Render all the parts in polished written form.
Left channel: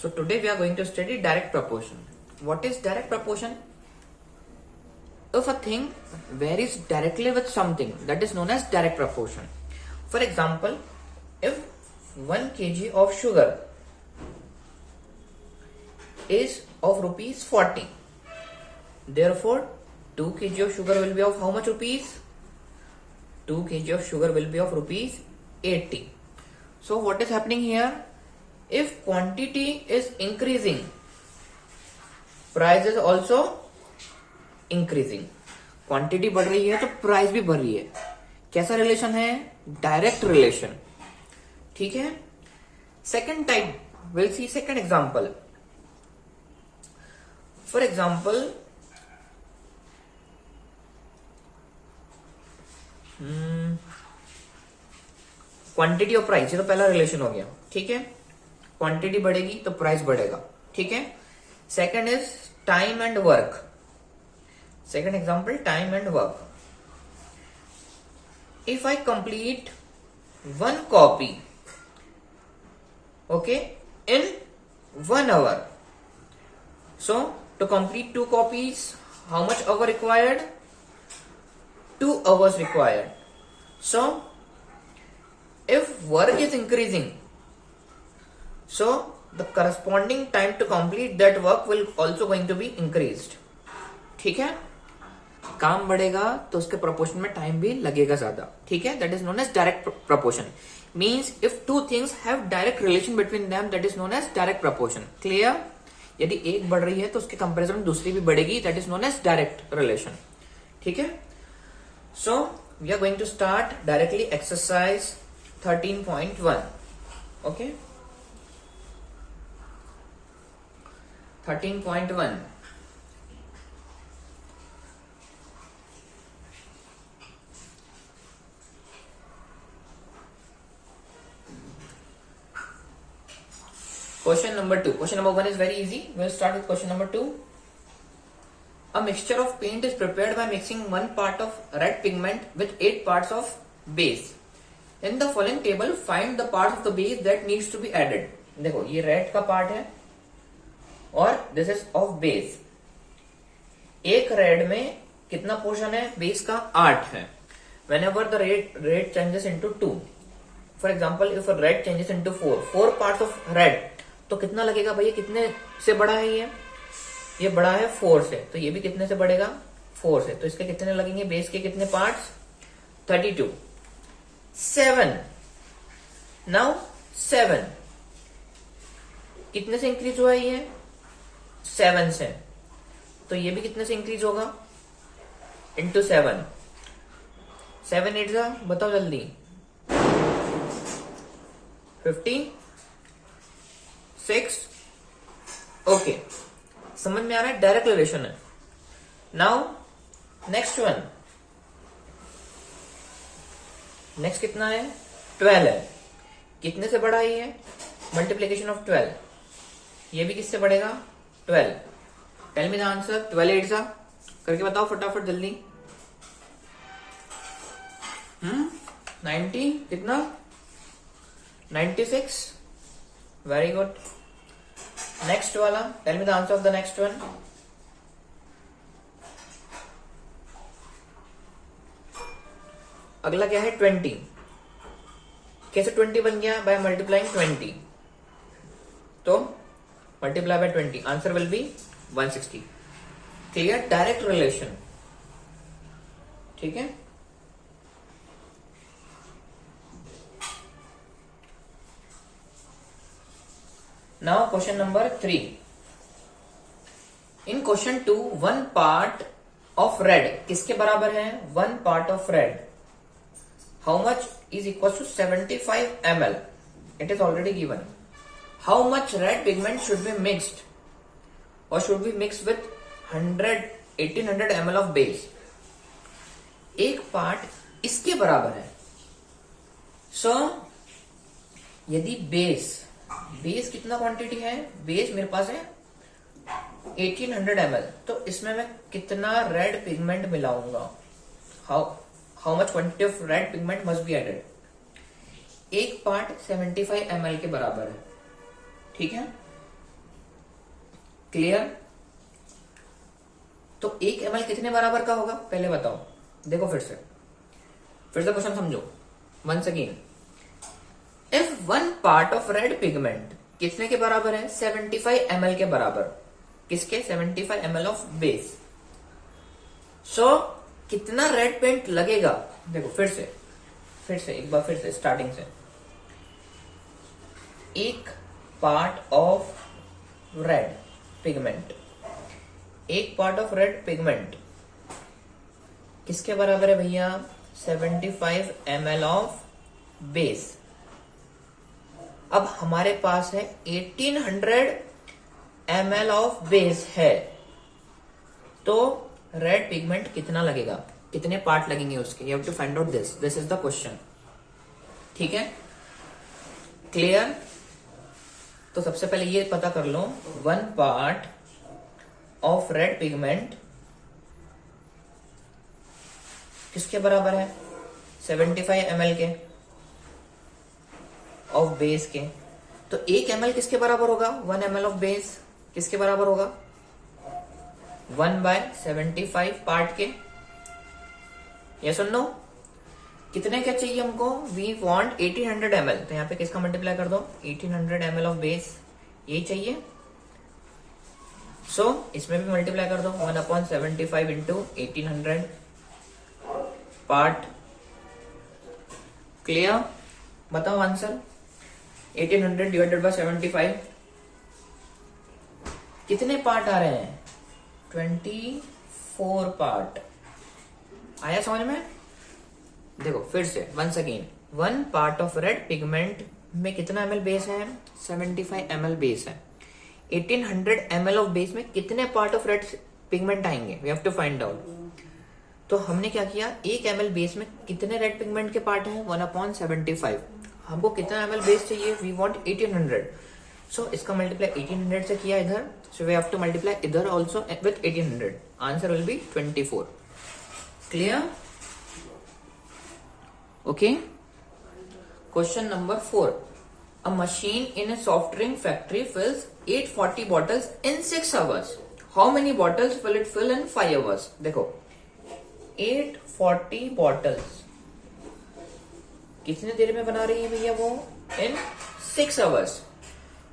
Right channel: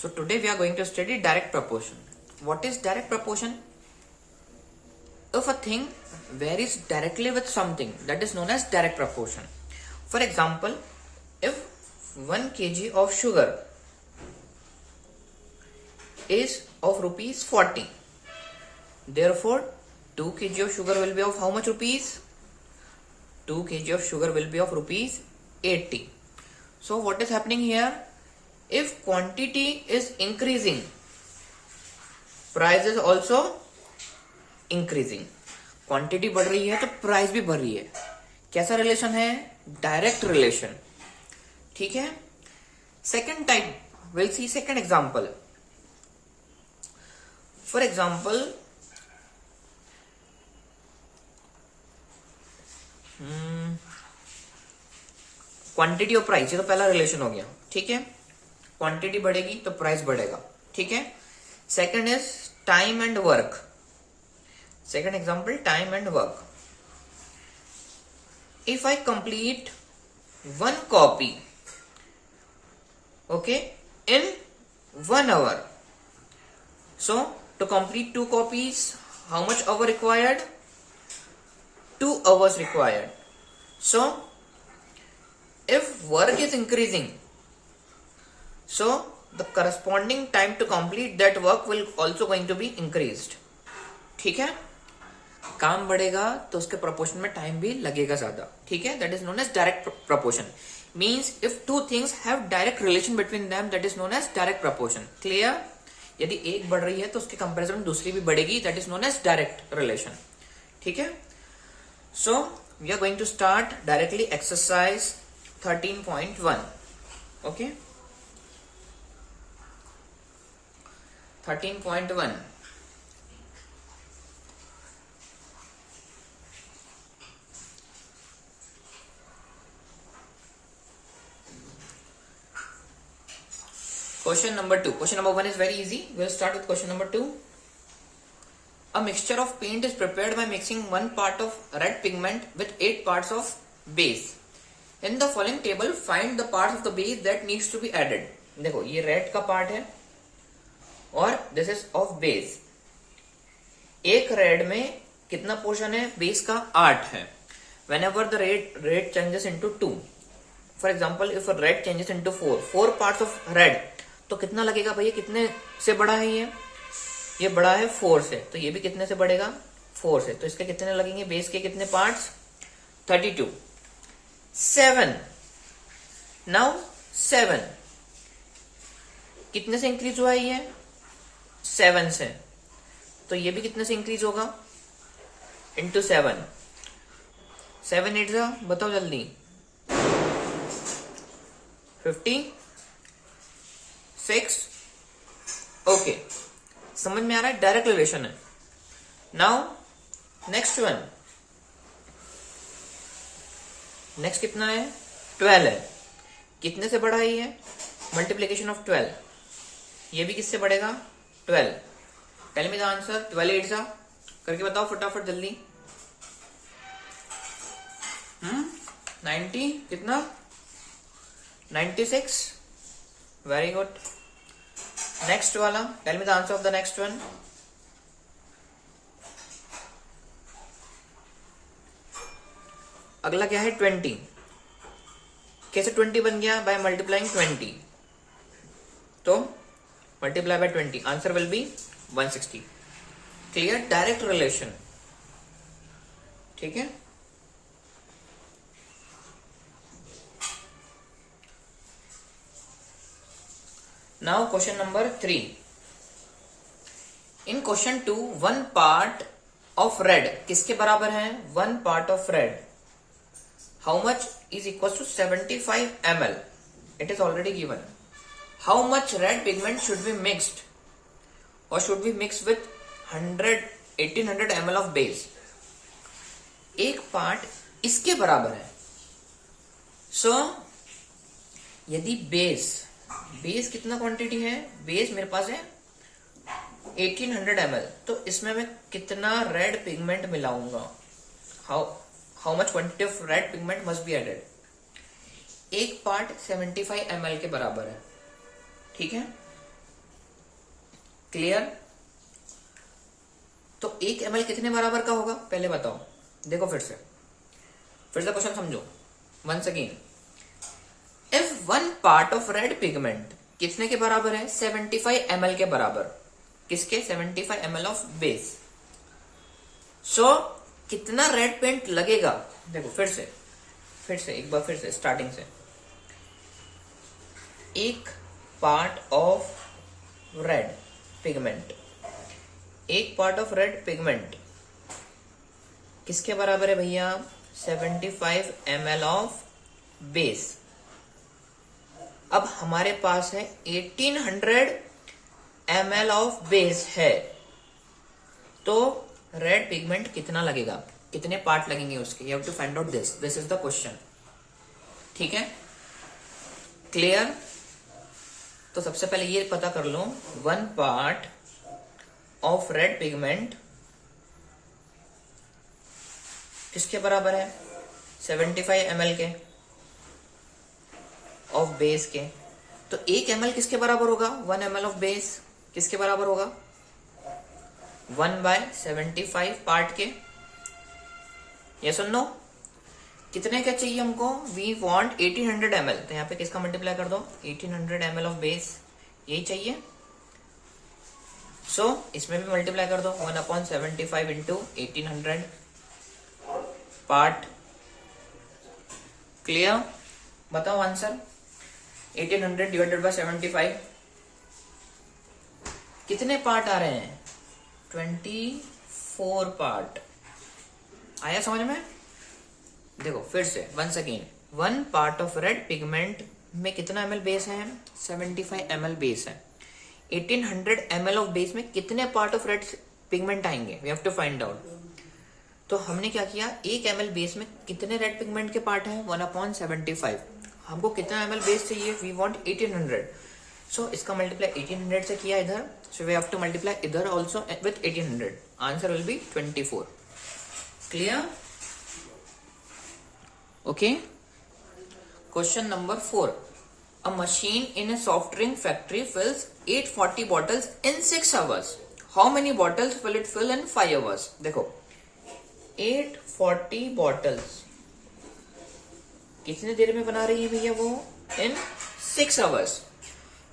So today we are going to study direct proportion. What is direct proportion? If a thing varies directly with something, that is known as direct proportion. For example, if 1 kg of sugar is of rupees 40, therefore 2 kg of sugar will be of how much rupees? 2 kg of sugar will be of rupees 80. So what is happening here? If quantity is increasing, price is also increasing. Quantity बढ़ रही है तो price भी बढ़ रही है. कैसा relation है? Direct relation. ठीक है. Second type, will see second example. For example, quantity और प्राइस, ये तो पहला रिलेशन हो गया. ठीक है. क्वांटिटी बढ़ेगी तो प्राइस बढ़ेगा. ठीक है. Second is time and work. Second example, time and work. If I complete one copy, okay, in 1 hour. So to complete 2 copies, how much hour required? 2 hours required. So if work is increasing, so the corresponding time to complete that work will also going to be increased. ठीक है. काम बढ़ेगा तो उसके proportion में time भी लगेगा ज्यादा. ठीक है. That is known as direct proportion. Means if two things have direct relation between them, that is known as direct proportion. Clear? यदि एक बढ़ रही है तो उसके कंपैरिजन में दूसरी भी बढ़ेगी. That is known as direct relation. ठीक है. So we are going to start directly exercise 13.1. Okay. 13.1. Question number 2. Question number 1 is very easy. We will start with question number 2. A mixture of paint is prepared by mixing 1 part of red pigment with 8 parts of base. In the following table, find the parts of the base that needs to be added. देखो, ये red का part है और this is of base. एक red में कितना portion है? Base का 8 है. Whenever the red changes into 2. For example, if a red changes into 4 parts of red, तो कितना लगेगा भैया? कितने से बड़ा है ये बड़ा है 4 से, तो ये भी कितने से बढ़ेगा? 4 से. तो इसके कितने लगेंगे? बेस के कितने पार्ट्स? 32. 7. नाउ 7 कितने से इंक्रीज हुआ है? ये 7 से. तो ये भी कितने से इंक्रीज होगा? इंटू 7. 7 8 जा, बताओ जल्दी. 56. ओके. समझ में आ रहा है? डायरेक्ट रिलेशन है. Now next one. नेक्स्ट कितना है? 12 है. कितने से बढ़ा ये? Multiplication of 12. ये भी किससे बढ़ेगा? 12. Tell me the answer. 12 8 जा करके बताओ फटाफट जल्दी. 90 कितना? 96. Very good. नेक्स्ट वाला, tell me the answer of the next one. अगला क्या है? 20. कैसे 20 बन गया? By multiplying 20. तो multiply by 20, answer will be 160. Clear? Direct relation. ठीक है. Now question number 3. In question 2, 1 part of red किसके बराबर है? 1 part of red. How much is equal to 75 ml? It is already given. How much red pigment should be mixed or should be mixed with 1800 ml of base? एक part इसके बराबर है. So यदि base कितना quantity है? Base मेरे पास है 1800 ml. तो इसमें मैं कितना रेड पिगमेंट मिलाऊंगा? How much quantity of red pigment must be added? एक पार्ट 75 ml के बराबर है. ठीक है. क्लियर? तो 1 ml कितने बराबर का होगा पहले बताओ। देखो फिर से क्वेश्चन समझो। Once again, if 1 part of red pigment कितने के बराबर है? 75 ml के बराबर। किसके? 75 ml ऑफ बेस। सो कितना रेड पेंट लगेगा? देखो फिर से एक बार फिर से स्टार्टिंग से। 1 part of red pigment, 1 part of red pigment किसके बराबर है भैया? 75 ml ऑफ बेस। अब हमारे पास है 1800 ml ऑफ बेस है, तो रेड पिगमेंट कितना लगेगा? कितने पार्ट लगेंगे उसके? You have to find out this is the question. ठीक है, क्लियर? तो सबसे पहले ये पता कर लो, 1 पार्ट ऑफ रेड पिगमेंट किसके बराबर है? 75 ml के ऑफ बेस के। तो 1 ml किसके बराबर होगा? 1 ml ऑफ बेस किसके बराबर होगा? 1/75 पार्ट के। ये सुन लो, कितने के चाहिए हमको? वी वांट 1800 ml, तो यहाँ पे किसका मल्टीप्लाई कर दो? 1800 ml ऑफ बेस, यही चाहिए। सो इसमें भी मल्टीप्लाई कर दो, 1/75 इंटू 1800 पार्ट। क्लियर? बताओ आंसर। 1800 डिवाइडेड बाय 75 कितने पार्ट आ रहे हैं? 24 पार्ट। आया समझ में? देखो फिर से once again, 1 part of red pigment में कितना ml बेस है? 75 ml बेस है। 1800 ml ऑफ बेस में कितने पार्ट ऑफ रेड पिगमेंट आएंगे? We have to find out. तो हमने क्या किया, 1 ml बेस में कितने रेड पिगमेंट के पार्ट हैं? 1/75। हमको कितना ml बेस चाहिए? We want 1800। सो इसका मल्टीप्लाई 1800 से किया इधर, so we have to multiply इधर also with 1800। Answer will be 24। Clear? Okay. Question number 4, a machine in a soft drink factory fills 840 bottles in 6 hours. How many bottles will it fill in 5 hours? देखो 840 bottles कितने देर में बना रही है भैया वो? In 6 hours.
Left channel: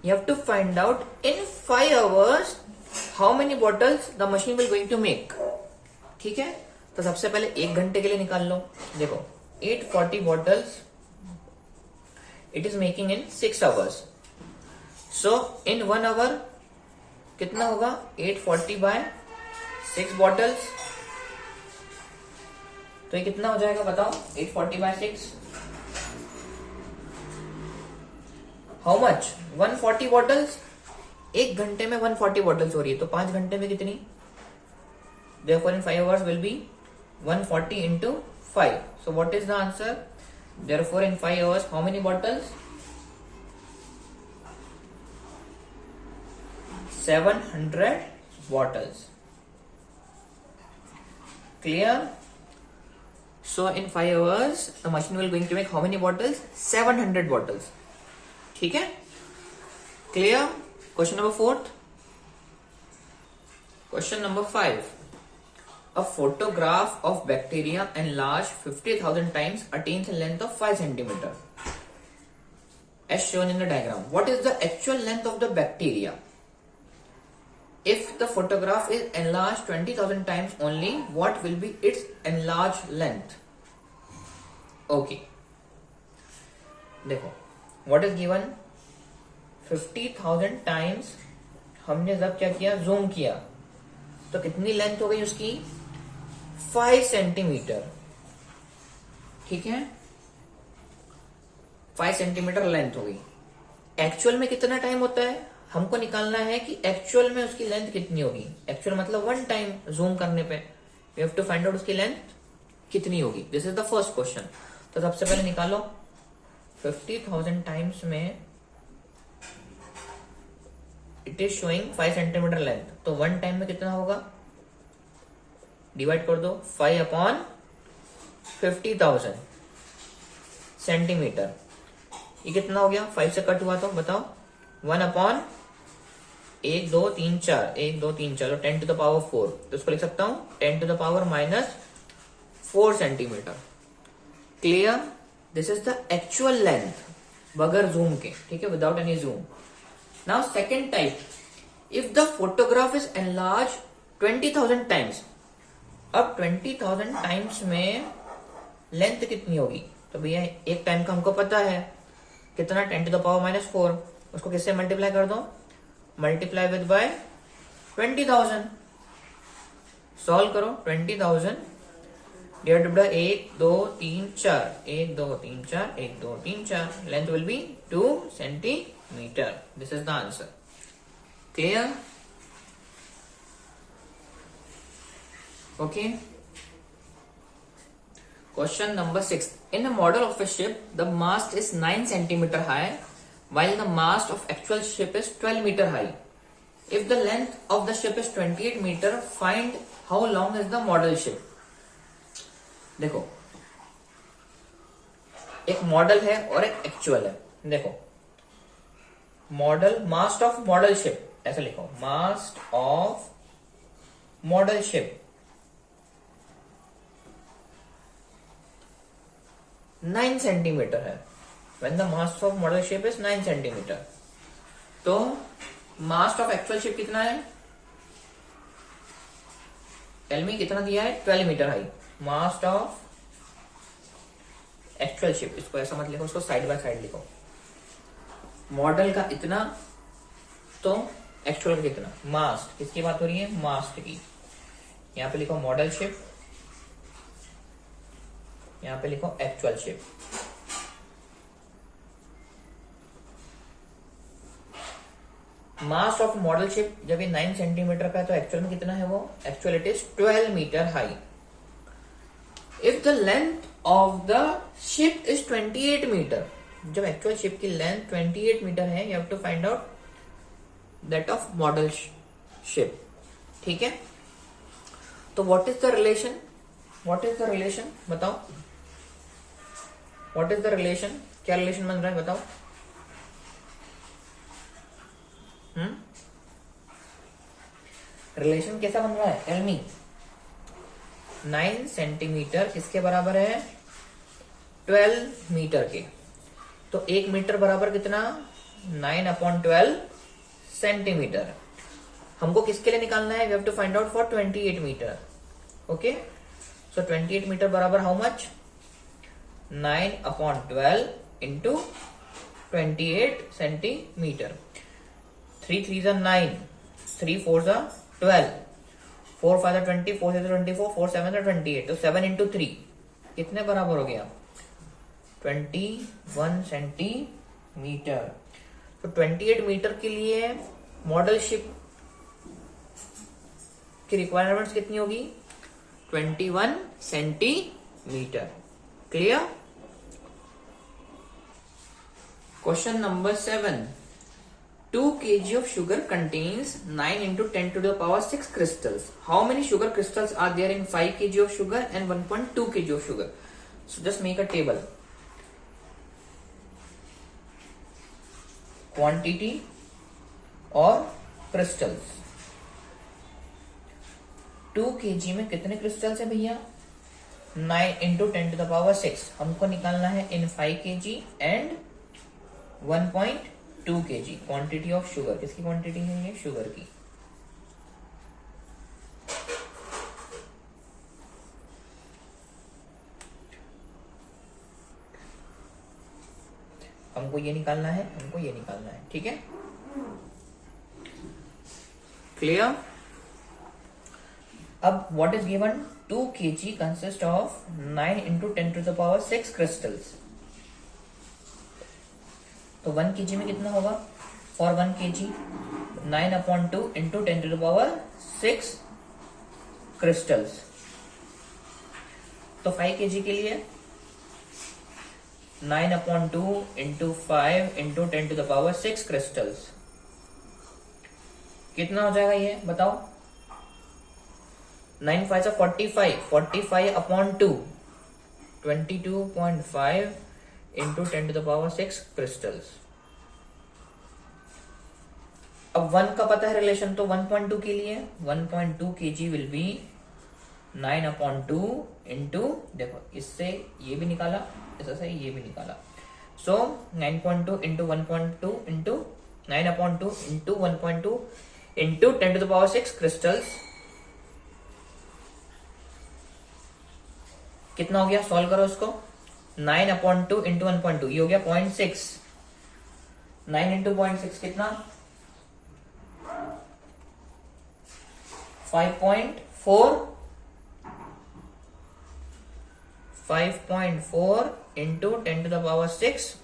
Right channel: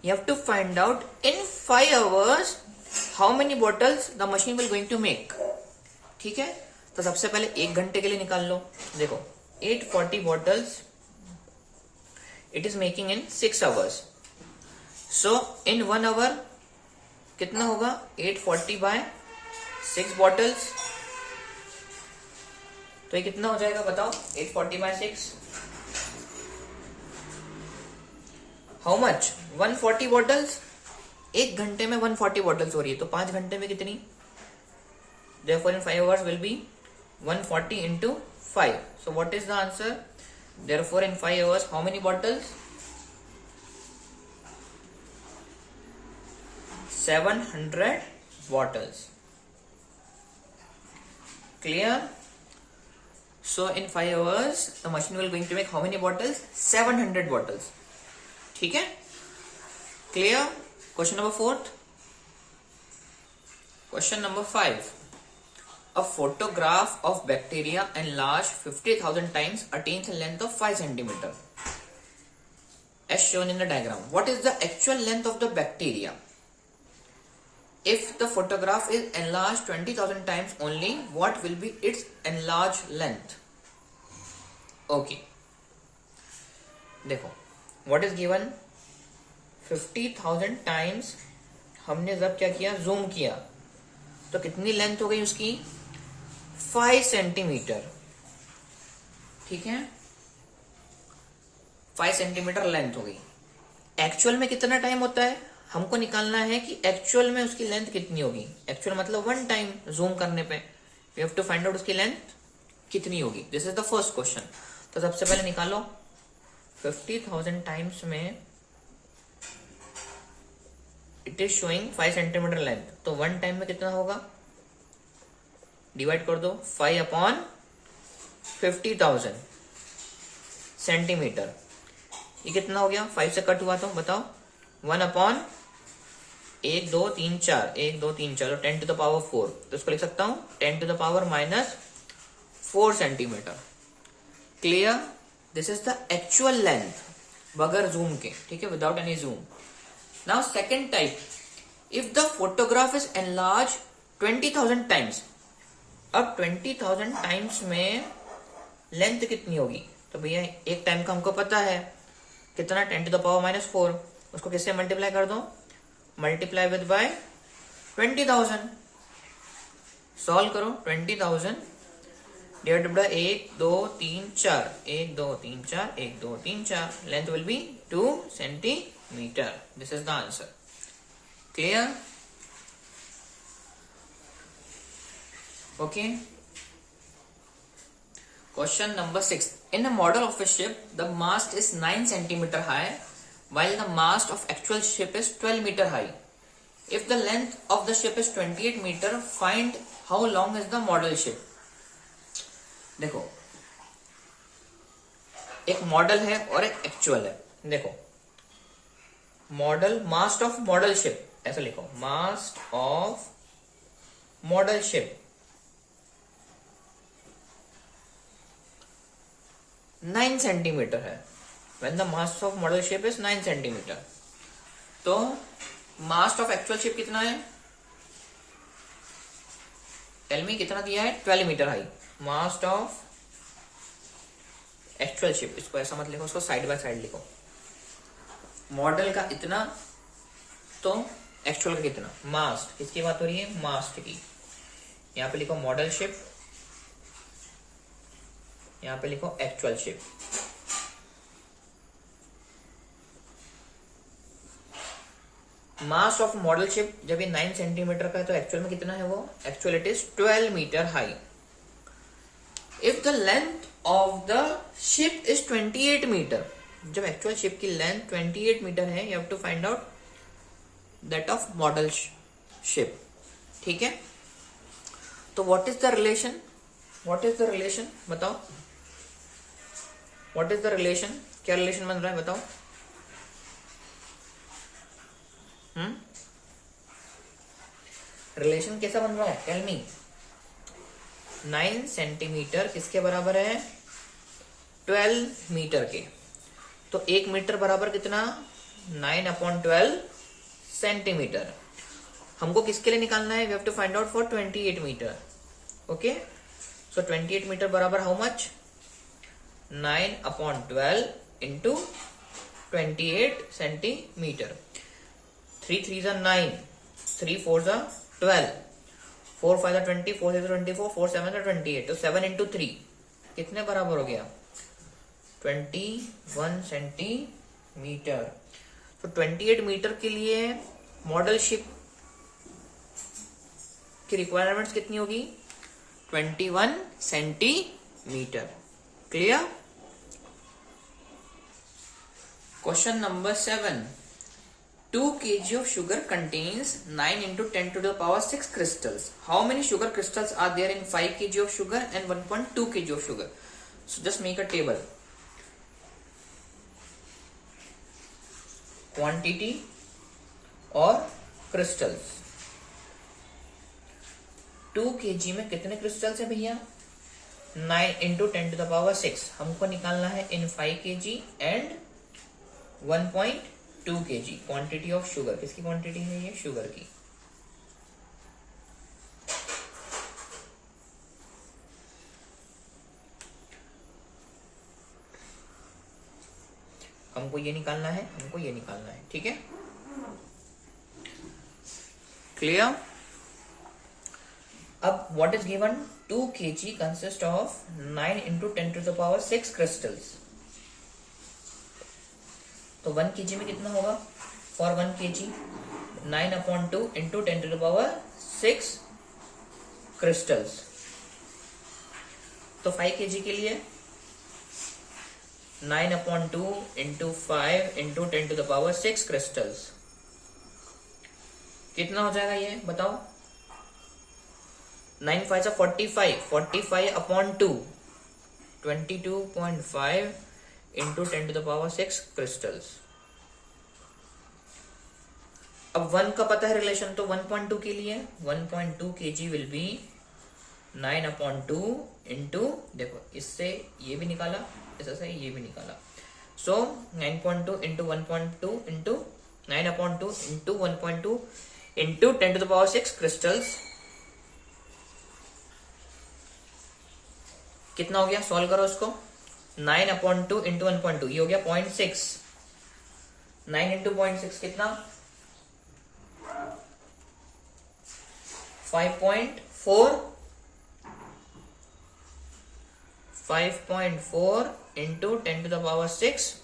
You have to find out in 5 hours how many bottles the machine will going to make. ठीक है, तो सबसे पहले 1 घंटे के लिए निकाल लो। देखो 840 bottles it is making in 6 hours. So in 1 hour कितना होगा? 840 by 6 bottles, तो ये कितना हो जाएगा बताओ? 840 by 6 हाउ मच? 140 bottles। 1 घंटे में 140 bottles हो रही है, तो 5 घंटे में कितनी? Therefore in 5 hours will be 140 into 5. So what is the answer? Therefore in 5 hours how many bottles? 700 bottles. Clear? So in 5 hours the machine will going to make how many bottles? 700 bottles. ठीक है? Clear? Question number 4. Question number 5. A photograph of bacteria enlarged 50,000 times attains a length of 5 centimeter. As shown in the diagram. What is the actual length of the bacteria? If the photograph is enlarged 20,000 times only, what will be its enlarged length? Okay. देखो, what is given? 50,000 times हमने जब क्या किया? Zoom किया, तो कितनी length हो गई उसकी? 5 सेंटीमीटर। ठीक है, 5 सेंटीमीटर लेंथ हो गई। एक्चुअल में कितना टाइम होता है? हमको निकालना है कि एक्चुअल में उसकी लेंथ कितनी होगी। एक्चुअल मतलब 1 टाइम जूम करने पे we have to find out उसकी लेंथ कितनी होगी। This is the first question. तो सबसे पहले निकालो 50,000 टाइम्स में it is showing 5 centimetre length, तो 1 टाइम में कितना होगा? डिवाइड कर दो 5 अपॉन 50,000 सेंटीमीटर। ये कितना हो गया? 5 से कट हुआ तो बताओ। 1 अपॉन 1 2 3 4, 1 2 3 4, 10 टू द पावर 4, तो इसको लिख सकता हूं 10 to the power -4 centimetre. Clear? This is the actual length बगैर जूम के, ठीक है, without any zoom. Now second type, if the photograph is enlarge 20,000 times. अब 20,000 टाइम्स में लेंथ कितनी होगी? तो भैया एक टाइम का हमको पता है कितना, 10 टू द पावर -4, उसको किससे मल्टीप्लाई कर दो, मल्टीप्लाई विद बाय 20,000। सॉल्व करो, 20,000 divided by 1 2 3 4, 1 2 3 4, 1 2 3 4, length will be 2 centimetre. This is the answer. Clear? Okay. Question number 6. In a model of a ship, the mast is 9 centimeter high, while the mast of actual ship is 12 meter high. If the length of the ship is 28 meter, find how long is the model ship. देखो, एक model है और एक actual है। देखो, model, mast of model ship, ऐसा लिखो, mast of model ship 9 centimetre है। When the mast of model ship is 9 centimetre, तो मास्ट ऑफ एक्चुअल शिप कितना है? टेल मी, कितना दिया है? 12 metre high. Mast of actual ship, इसको ऐसा मत लिखो, उसको साइड बाय साइड लिखो। मॉडल का इतना, तो एक्चुअल का कितना। मास्ट, किसकी बात हो रही है? मास्ट की। यहां पे लिखो मॉडल शिप, यहां पे लिखो actual ship. Mass of model ship जब ये 9 सेंटीमीटर का है, तो एक्चुअल में कितना है वो? Actual it is 12 metre high. If the length of the ship is 28 metre, जब एक्चुअल शिप की लेंथ 28 मीटर है, you have to find out that of model ship. ठीक है, तो what is the relation? What is the relation बताओ, what is the relation? क्या relation बन रहा है बताओ? रिलेशन कैसा बन रहा है? Tell me. 9 सेंटीमीटर किसके बराबर है? 12 मीटर के। तो 1 मीटर बराबर कितना? 9/12 सेंटीमीटर। हमको किसके लिए निकालना है? We have to find out for 28 metre. Okay, so 28 metre बराबर how much? 9/12 into 28 centimetre. 3 3s are 9, 3 4s are 12, 4 5s are 20, 4 6s are 24, 4 7s are 28, तो 7 इंटू 3 कितने बराबर हो गया? 21 सेंटीमीटर। तो 28 मीटर के लिए मॉडल शिप की रिक्वायरमेंट्स कितनी होगी? 21 centimetre. Clear? Question number 7. 2 kg of sugar contains 9 into 10 to the power 6 crystals. How many sugar crystals are there in 5 kg of sugar and 1.2 kg of sugar? So just make a table. Quantity और crystals. 2 kg में कितने crystals है भैया? 9 into 10 to the power 6. हमको निकालना है in 5 kg and 1.2 kg quantity of sugar. किसकी quantity है ये? शुगर की। हमको ये निकालना है, हमको ये निकालना है। ठीक है, क्लियर? अब what is given? 2 kg consist of 9 into 10 to the power 6 crystals. तो 1 kg में कितना होगा? For 1 kg 9/2 into 10 to the power 6 crystals. तो 5 kg के लिए 9/2 into 5 into 10 to the power 6 crystals. कितना हो जाएगा ये बताओ? 9 5 से 45, 45/2 22.5 into 10 to the power 6 crystals. अब 1 का पता है रिलेशन, तो 1.2 के लिए 1.2 kg विल बी 9/2 इंटू, देखो इससे ये भी निकाला, इससे ये भी निकाला, सो 9.2 into 1.2 into 9/2 into 1.2 into 10⁶ crystals. कितना हो गया, सॉल्व करो उसको। 9/2 इंटू 1.2 ये हो गया 0.6, 9 इंटू 0.6 कितना 5.4, 5.4 इंटू 10⁶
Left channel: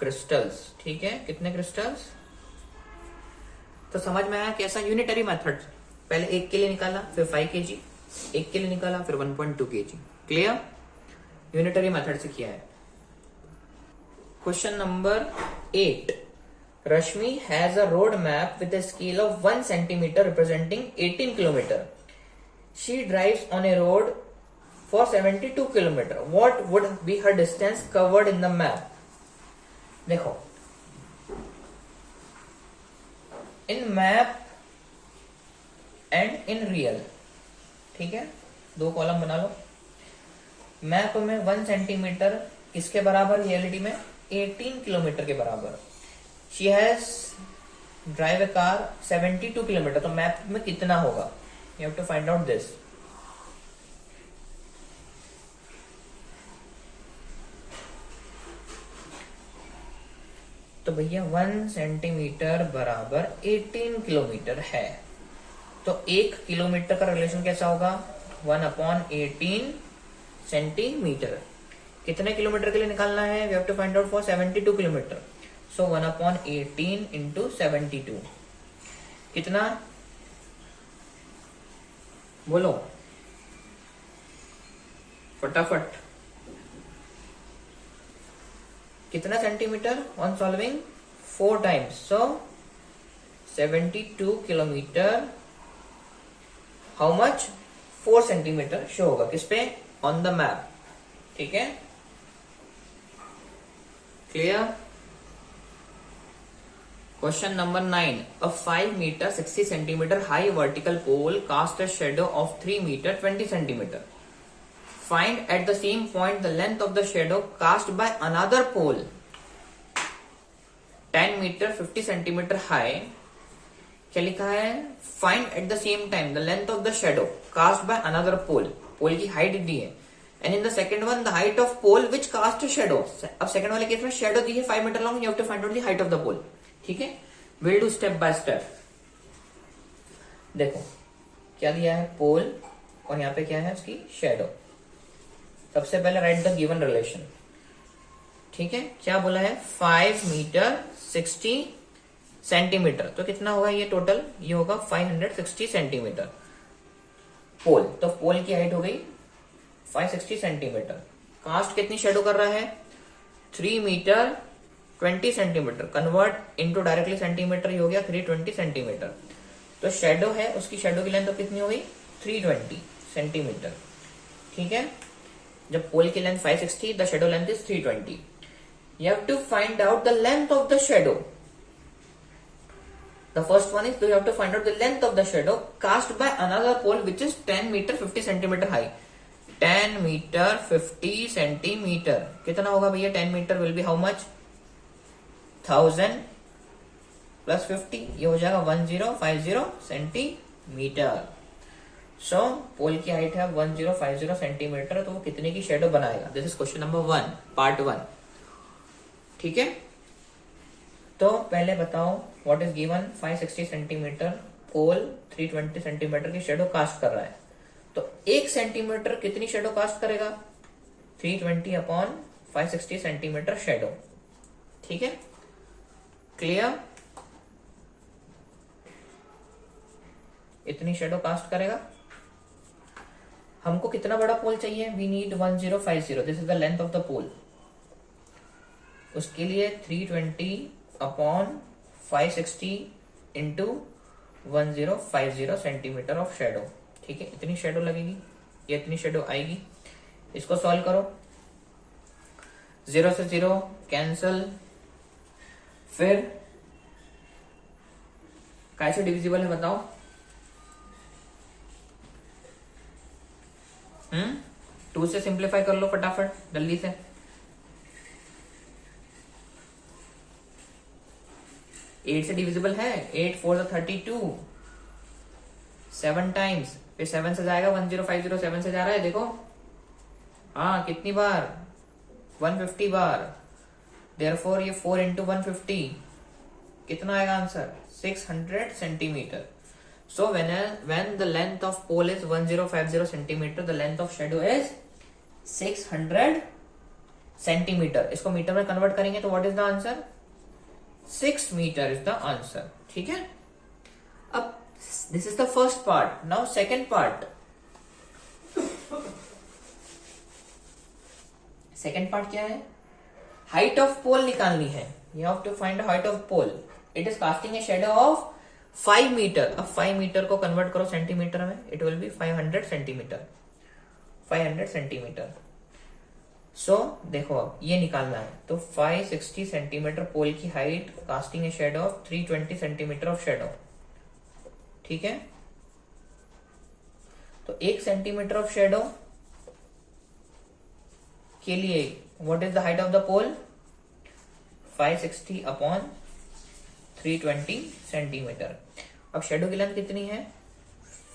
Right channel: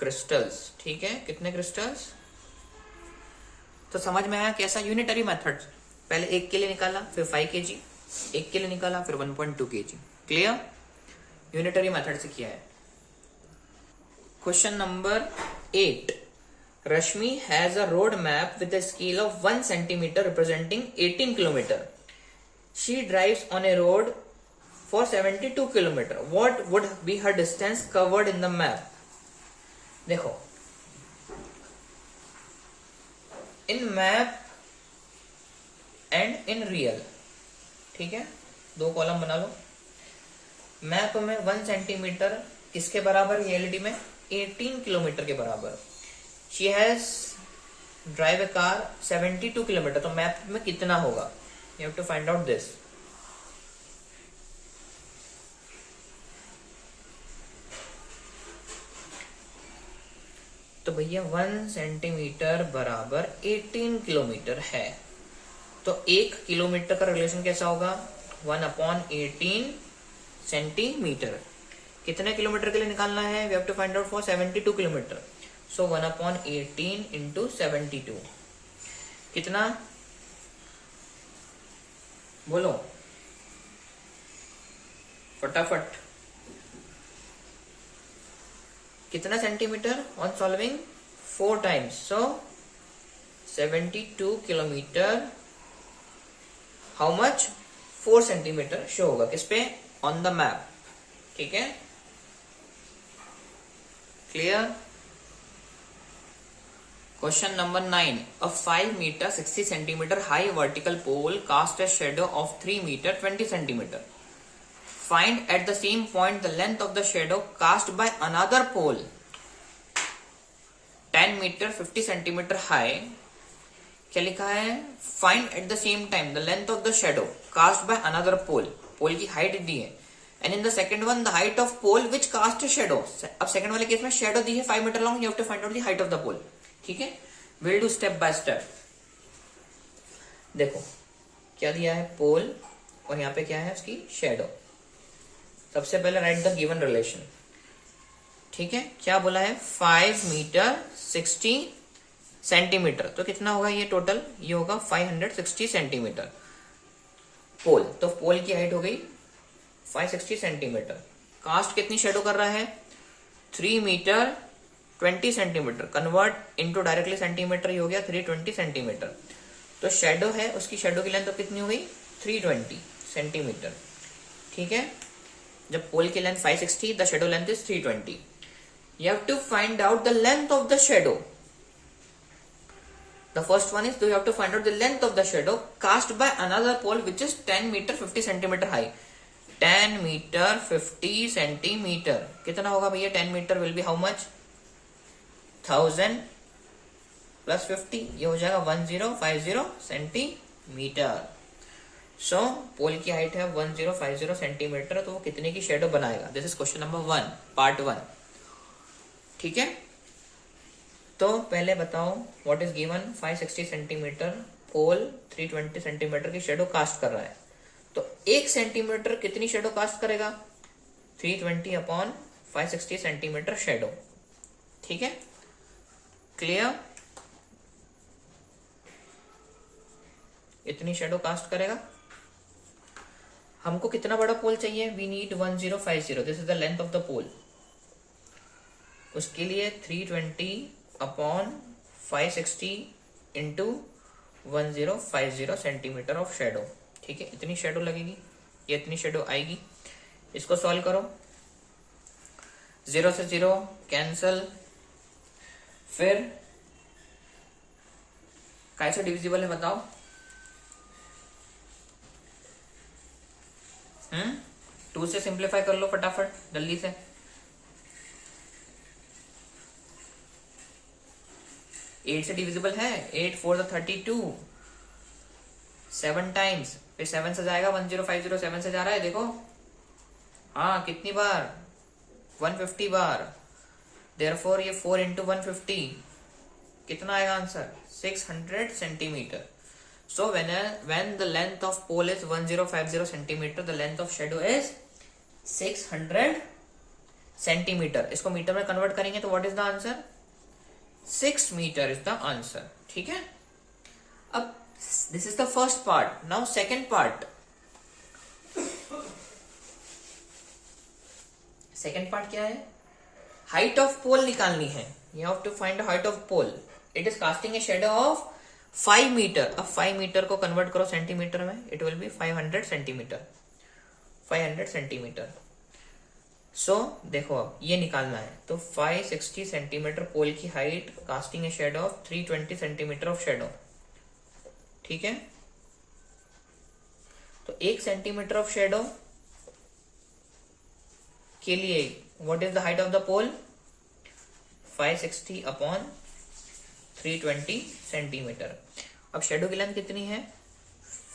क्रिस्टल्स। ठीक है, कितने क्रिस्टल्स। तो समझ में आया कैसा यूनिटरी मेथड, पहले 1 के लिए निकाला, फिर 5 kg, 1 के लिए निकाला, फिर 1.2 kg। क्लियर, यूनिटरी मेथड से किया है। Question number 8, Rashmi has a road map with a scale of 1 centimeter representing 18 kilometer. She drives on a road for 72 kilometer. What would be her distance covered in the map? देखो, in map and in real, ठीक है, 2 column बना लो। Map में 1 centimetre किसके बराबर, reality में 18 kilometre के बराबर। She has drive a car 72 kilometre, तो मैप में कितना होगा, you have to find out this. तो भैया 1 सेंटीमीटर बराबर 18 किलोमीटर है, तो 1 किलोमीटर का रिलेशन कैसा होगा, 1/18 सेंटीमीटर। कितने किलोमीटर के लिए निकालना है, we have to find out for 72 kilometre, so 1/18 into 72 कितना, बोलो फटाफट, कितना centimetre on solving 4 times, so 72 kilometre how much 4 centimetre show होगा किस पे, ऑन द मैप। ठीक है, clear. Question number 9, a 5 meter 60 centimeter high vertical pole cast a shadow of 3 meter 20 centimeter. Find at the same point the length of the shadow cast by another pole 10 meter 50 centimeter high. क्या लिखा है, find at the same time the length of the shadow cast by another pole, pole की height दी है, and in the second one the height of pole which cast shadow. अब second वाले case में shadow दी है 5 metre long, you have to find out the height of the pole. ठीक है, will do step by step. देखो क्या दिया है, पोल, और यहाँ पे क्या है उसकी शेडो। सबसे पहले राइट द गिवन रिलेशन। ठीक है, क्या बोला है, 5 मीटर 60 सेंटीमीटर, तो कितना होगा ये टोटल, ये होगा 560 सेंटीमीटर पोल। तो पोल की हाइट हो गई 560 सेंटीमीटर। कास्ट कितनी शेडो कर रहा है, 3 metre 20 centimetre, convert into directly centimetre, हो गया 320 सेंटीमीटर। तो शेडो है, उसकी शेडो की लेंथ तो कितनी हो गई 320 सेंटीमीटर। ठीक है, जब पोल की length 560, the shadow length is 320। You have to find out the length of the shadow. The first one is you have to find out the length of the shadow cast by another pole which is 10 meter 50 centimeter high. 10 meter 50 centimeter कितना होगा भैया, 10 meter will be how much, 1000 plus 50, ये हो जाएगा 1050 centimetre. सो पोल की height है 1050 centimetre, तो वो कितने की शेडो बनाएगा। This is question number 1 part 1। ठीक है, तो पहले बताओ what is given, 560 centimetre pole 320 centimetre की शेडो कास्ट कर रहा है, तो 1 सेंटीमीटर कितनी शेडो कास्ट करेगा, 320/560 सेंटीमीटर शेडो। ठीक है, क्लियर, इतनी शेडो कास्ट करेगा। हमको कितना बड़ा पोल चाहिए, we need 1050, this is the length of the pole. उसके लिए 320/560 इंटू 1050 सेंटीमीटर ऑफ शेडो। ठीक है, इतनी शेडो लगेगी, ये इतनी शेडो आएगी। इसको सॉल्व करो, 0 से 0 कैंसल, फिर कैसे डिविजिबल है बताओ? 2 से सिंप्लीफाई कर लो फटाफट जल्दी से। 8 से डिविजिबल है। 8 4 32, 7 टाइम्स, फिर 7 से जाएगा 1050, 7 से जा रहा है देखो। हाँ कितनी बार? 150 बार। देयरफॉर ये 4 इंटू 150 कितना आएगा answer? 600 centimetre. So when the length of pole is 1050 centimeter, the length of shadow is 600 centimeter. इसको मीटर में कन्वर्ट करेंगे तो what is the answer? 6 meter is the answer. ठीक है? अब this is the first part. Now second part. Second part क्या है? Height of pole निकालनी है. You have to find the height of pole. It is casting a shadow of 5 metre. अब 5 metre को convert करो सेंटीमीटर में, it will be 500 centimetre. 500 centimetre. So देखो अब ये निकालना है तो 560 सेंटीमीटर पोल की height, casting a shadow of 320 centimetre of shadow. ठीक है, तो 1 सेंटीमीटर ऑफ शेडो के लिए what is the height of the pole? 560 upon 320 centimetre. अब शेडो की लेंथ कितनी है?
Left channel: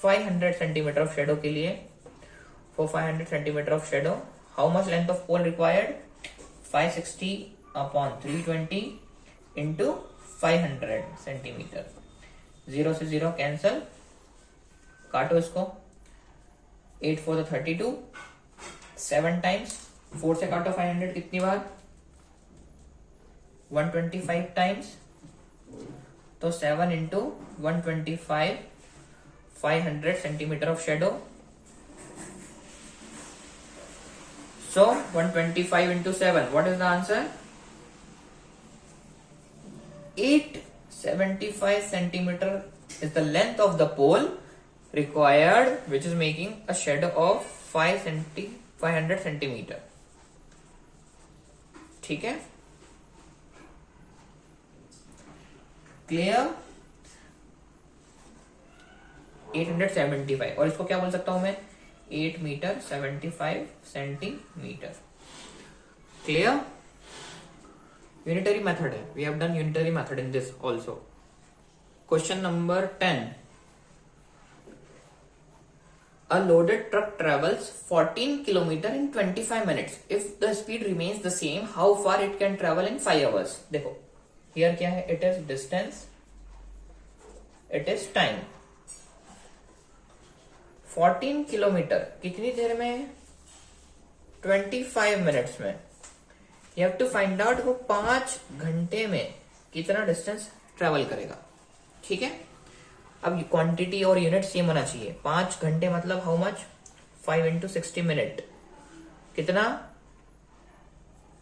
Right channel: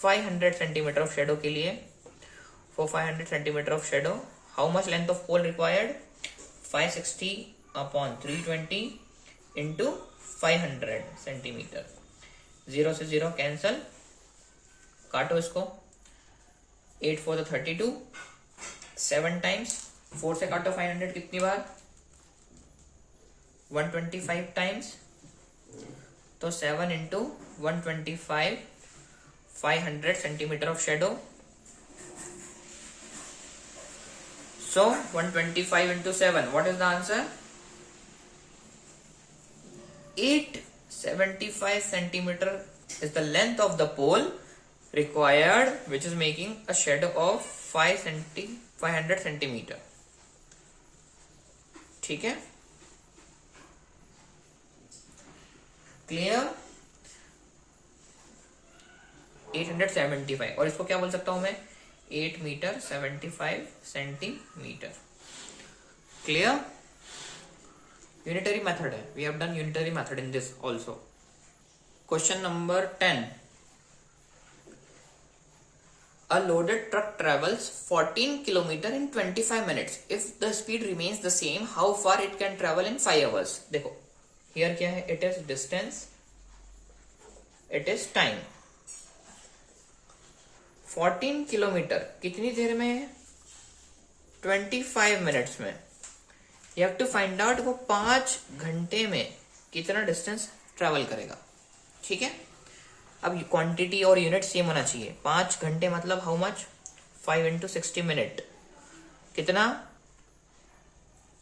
500 सेंटीमीटर ऑफ शेडो के लिए, for 500 centimetre of shadow how much length of pole required? 560 upon 320 into 500 centimetre. 0 से 0 कैंसल, काटो इसको। 8 4 32, 7 टाइम्स, 4 से काटो 500 कितनी बार? 125 टाइम्स, तो 7 into 125, 500 centimetre of shadow. So 125 into 7, what is the answer? 875 centimetre is the length of the pole required, which is making a shadow of 500 centimetre. ठीक है, clear? 875, और इसको क्या बोल सकता हूं मैं? 8 metre 75 centimetre. Clear? Unitary method है, we have done unitary method in this also. Question number 10। A loaded truck travels 14 km in 25 minutes. If the speed remains the same, how far it can travel in 5 hours? देखो here क्या है? It is distance, it is time। 14 kilometre कितनी देर में? 25 minutes में। You have to find out वो 5 घंटे में कितना डिस्टेंस ट्रेवल करेगा। ठीक है, अब क्वांटिटी और यूनिट सेम होना चाहिए। 5 घंटे मतलब हाउ मच? 5 इंटू 60 मिनट, कितना?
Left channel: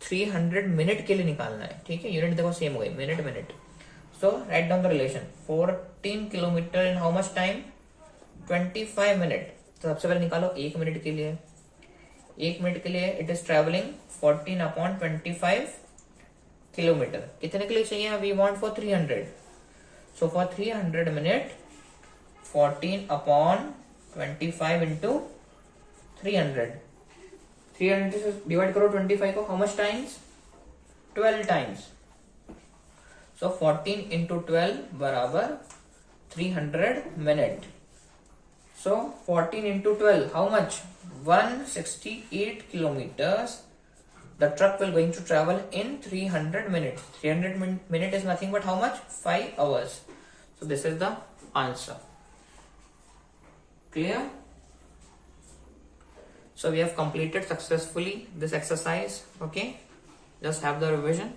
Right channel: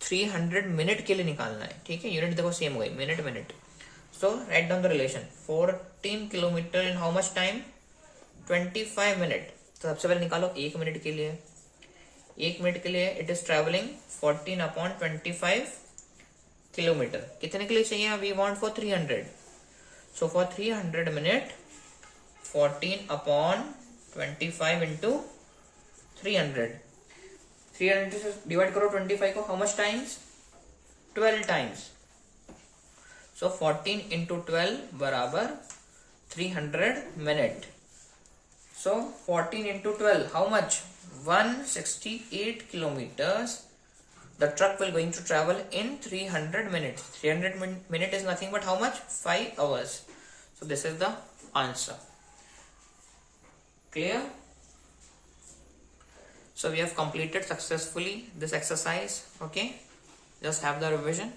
300 मिनट के लिए निकालना है। ठीक है, यूनिट देखो सेम हो गई, minute minute. So write down the relation. 14 kilometre in how much time? 25 minute. तो सबसे पहले निकालो 1 मिनट के लिए। 1 मिनट के लिए it is travelling 14 upon 25 kilometre. कितने के लिए चाहिए? We want for 300। So for 300 minute 14 upon 25 into 300। 300 से डिवाइड करो 25 को, how much times? 12 times. So 14 into 12 बराबर 300 minute. So 14 into 12 how much? 168 kilometers. The truck will going to travel in 300 minutes. 300 minute is nothing but how much? 5 hours. So this is the answer. Clear? So we have completed successfully this exercise. Okay, just have the revision.